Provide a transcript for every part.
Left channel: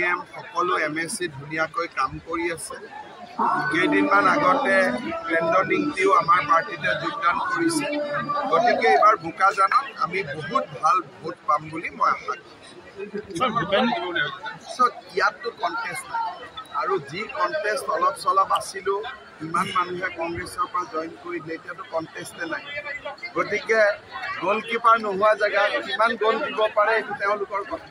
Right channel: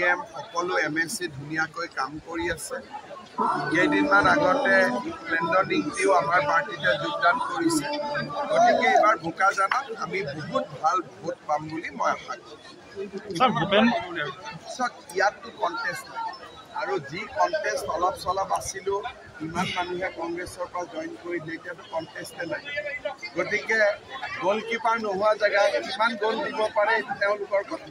DDM সকলো MSC ধুনীয়াকৈ কাম কৰি আছে। কেইদিনমান আগতে লেণ্ডনিংটিও আমাৰ পাৰ্টিতে যোগদান কৰিছে। গতিকে এইবাৰ বোকাজানত আমি বহুত ভাল ভোট পাম বুলি মই আশা কৰিছোঁ। ইয়াততো কণ্টেষ্ট নাই আৰু যি কণ্টেষ্ট অলপ চলপ আছিলোঁ ইমান মানুহে কংগ্ৰেছৰ পৰা জইন কৰি দিলে, এতিয়াতো কণ্টেষ্টে নাই। গতিকে গ'লকিপাৰ নোহোৱা জেগাত কিমান গ'ল দিব পাৰে এইটো তেওঁলোকৰ কথা।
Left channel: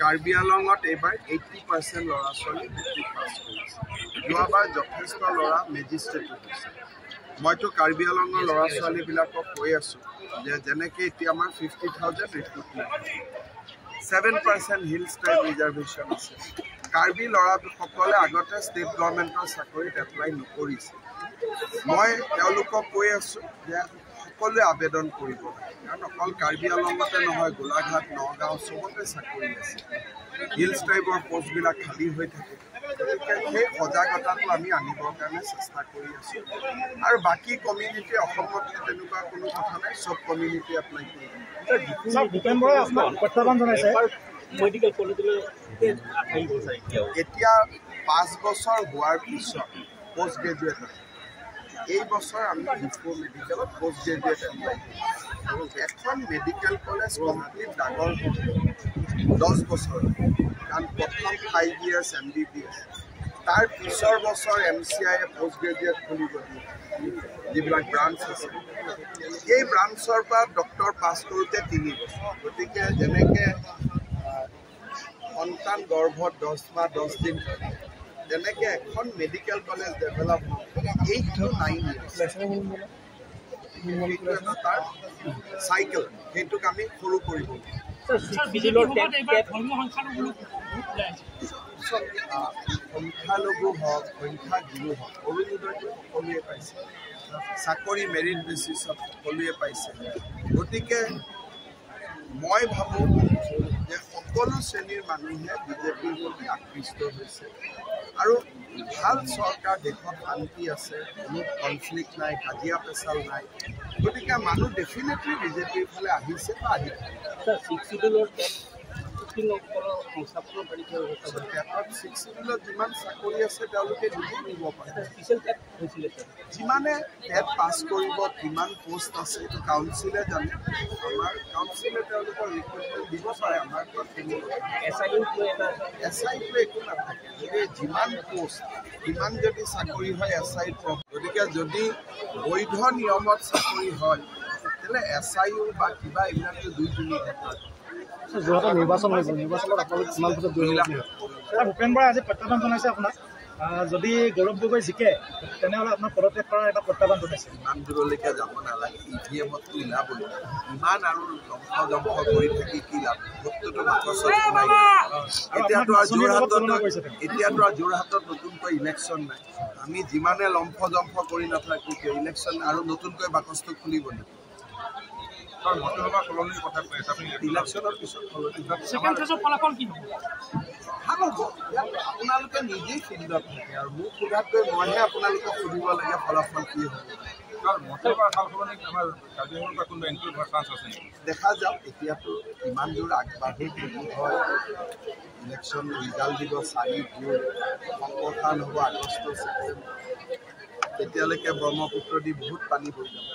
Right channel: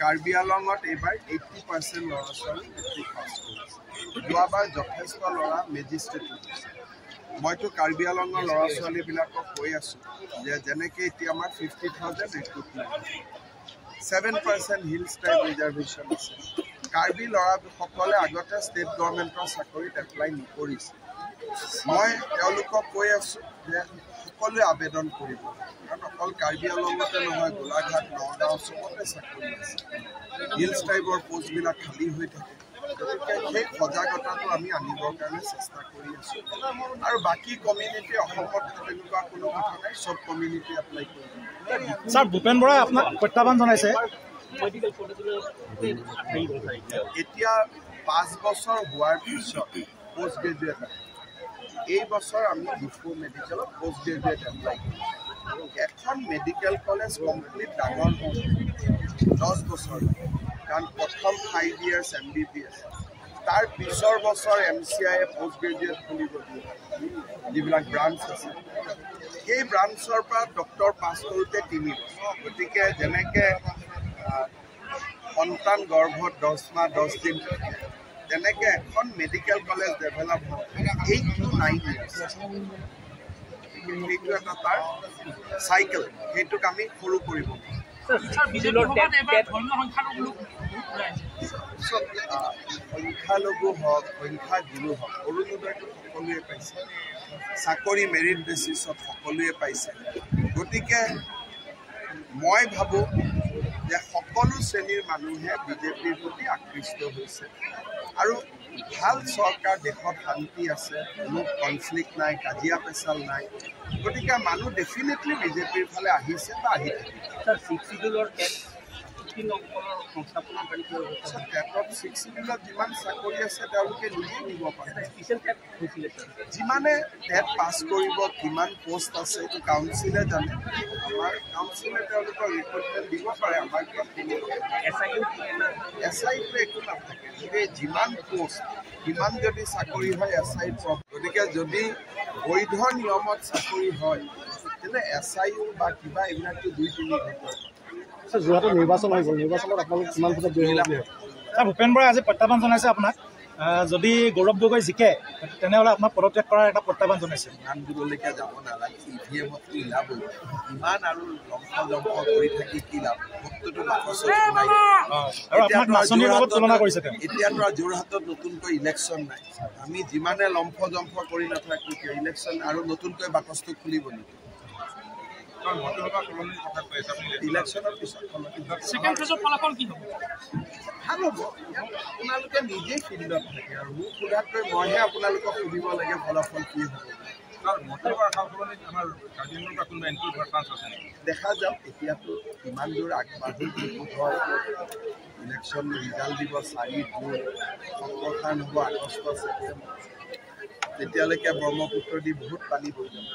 কাৰ্বি আংলঙত এইবাৰ 80% ল'ৰা ছোৱালী মেট্ৰিক পাছ কৰিছে। যোৱাবাৰ যথেষ্ট ল'ৰা মেজিষ্ট্ৰেটো হৈছে। মইতো কাৰ্বি আংলঙৰ ল'ৰা ছোৱালীবিলাকক কৈ আছোঁ যে যেনেকৈ এতিয়া আমাৰ 50,000 ৰিক্ৰুটমেণ্ট, 7% হিলছ ট্ৰাইব ৰিজাৰ্ভেশ্যন আছে। কাৰ্বি ল'ৰাসকলে আগতে ষ্টেট গভৰ্ণমেণ্টৰ চাকৰিত এপ্লাই নকৰিছে। মই তেওঁলোকক কৈ আছোঁ যে সকলোৱে আবেদন কৰিব লাগে, কাৰণ অকল কাৰ্বি আংলঙতে নহয়, গোলাঘাট, নগাঁও চবতে চাকৰি আছে। হিলছ ট্ৰাইবৰ পষ্টবিলাক খালী হৈ থাকে। গতিকে সেই সজাগতাটো আমি আনিবৰ কাৰণে চেষ্টা কৰি আছোঁ। আৰু বাকী কমিউনিটি অসমত তেনেকুৱা কোনো কথা নাই, চব কমিউনিটি এপ্লাই কৰিব। ভূপেন বৰাই আপোনাক প্ৰত্যাহ্বান জনাইছে। এতিয়া 5 বছৰ হোৱাৰ পিছত পষ্ট গ্ৰেজুৱেট আছে। এই বছৰ আমি ডিফু মেডিকেলত পষ্ট গ্ৰেজুৱেট এপ্লাই কৰিছোঁ। এখন মেডিকেল কলেজ কমপ্লিট ডাঙৰ হওঁতে 10 বছৰ লাগে, কাৰণ প্ৰথম 5 years MBBS, তাৰ পিছৰ বছৰ MCI পষ্ট গ্ৰেজুৱেট খুলিব দিয়ে, যিবিলাক ব্ৰাঞ্চ আছে। সেই ব্ৰাঞ্চৰ পৰা ডক্টৰ পাছ কৰোঁতে 3 বছৰ। গতিকে যেনেকৈ সন্তান গৰ্ভত 10 মাহ 10 দিন থাকে, তেনেকৈ এখন মেডিকেল কলেজ ডেভেলপ হওঁতে 8 to 9 years। সেইটো এটা তাৰ চাইকেল, সেইটোক আমি সৰু কৰিব পাৰোঁ। সংখ্যালঘু হওক, সংখ্যাগুৰু হওক, অৰুণোদয়টো সকলোৱে পাইছে, চাকৰি মেৰিট বেচিছত সকলোৱে পাইছে। গতিকে মই ভাবোঁ যে সকলো শ্ৰেণীৰ মানুহে বিজেপিৰ প্ৰতি আকৃষ্ট হৈছে আৰু ভাল চৰকাৰ, দেশত শান্তি আছে, কোনো কনফ্লিক্ট নাই, কাজিয়া পেচাল নাই। গতিকে মানুহ ডেফিনেটলি বিজেপিৰ ফালে আহিছে বা আহি থাকিব। টেটত 6 শিডিউলত যিমান চাকৰি আছে তেওঁলোকে নিজেই দিব পাৰে। যিমানে টেট পাছ কৰিব, কিমান পোষ্ট আছে এইটো কাউন্সিলে জানে। আমাৰ কাউন্সিলে তেওঁলোকৰ ৰিক্ৰুটমেণ্ট দিব পাৰে। আমাৰ SIটো একো নাথাকে। যদি যিমান পোষ্ট সিমান যদি চাকৰি হয় SIত পাব। গতিকে যদি বৈধ নিয়মত চাকৰি হয় তেতিয়াহ'লে SIও বা কিবা এইবিলাকতো 2-3 ঘণ্টাৰ। যোৱাটো নিৰ্বাচন হৈ গ'ল, নিৰ্বাচনত আপোনালোক কিমান ভোটত জয়ী হ'ব? ভূপেন বৰাই আজি প্ৰত্যাহ্বান জনাইছে আপোনাক, যদি গৌৰৱ গগৈ জিকে তেনেহ'লে আপোনাক পদত্যাগ কৰাৰ এটা প্ৰত্যাহ্বান জনাইছে। ইমান দূৰলৈকে যাব নালাগে, EVMতটো ওলাবই। ইমান আৰু লম্ফ জম্ফ কৰি থাকি কি লাভ? ভোটটোতো বাকচত সোমাই গ'ল। এতিয়াতো আৰু যোৰহাটত নতুনকৈ ইলেকশ্যন নাই। আমি যিমানে লম্ফ জম্ফ কৰি নাথাকোঁ কিয়, ইলেকশ্যন আৰু নতুনকৈ বাকচটো খুলিব নেকি? ইলেকশ্যনৰ পিছত ফলাফল কি হ'ব? ভাল হ'ব। আপোনালোকে নিজেই ফিল্ডত থাকে আৰু মোক সোধাতকৈ মইহে আপোনালোকক সুধিব লাগে ফলাফল কি হ'ব। দেখা যাওক, এতিয়াতো ইমান দূৰ আগবাঢ়ি হয়। ইলেকশ্যন ৰিজাল্ট দিব 4 জুন, সংকটন হ'ব আগষ্ট ছেপ্টেম্বৰ। তেতিয়ালৈকে ব্ৰহ্মপুত্ৰ দি বহুত পানী বৈ যাব।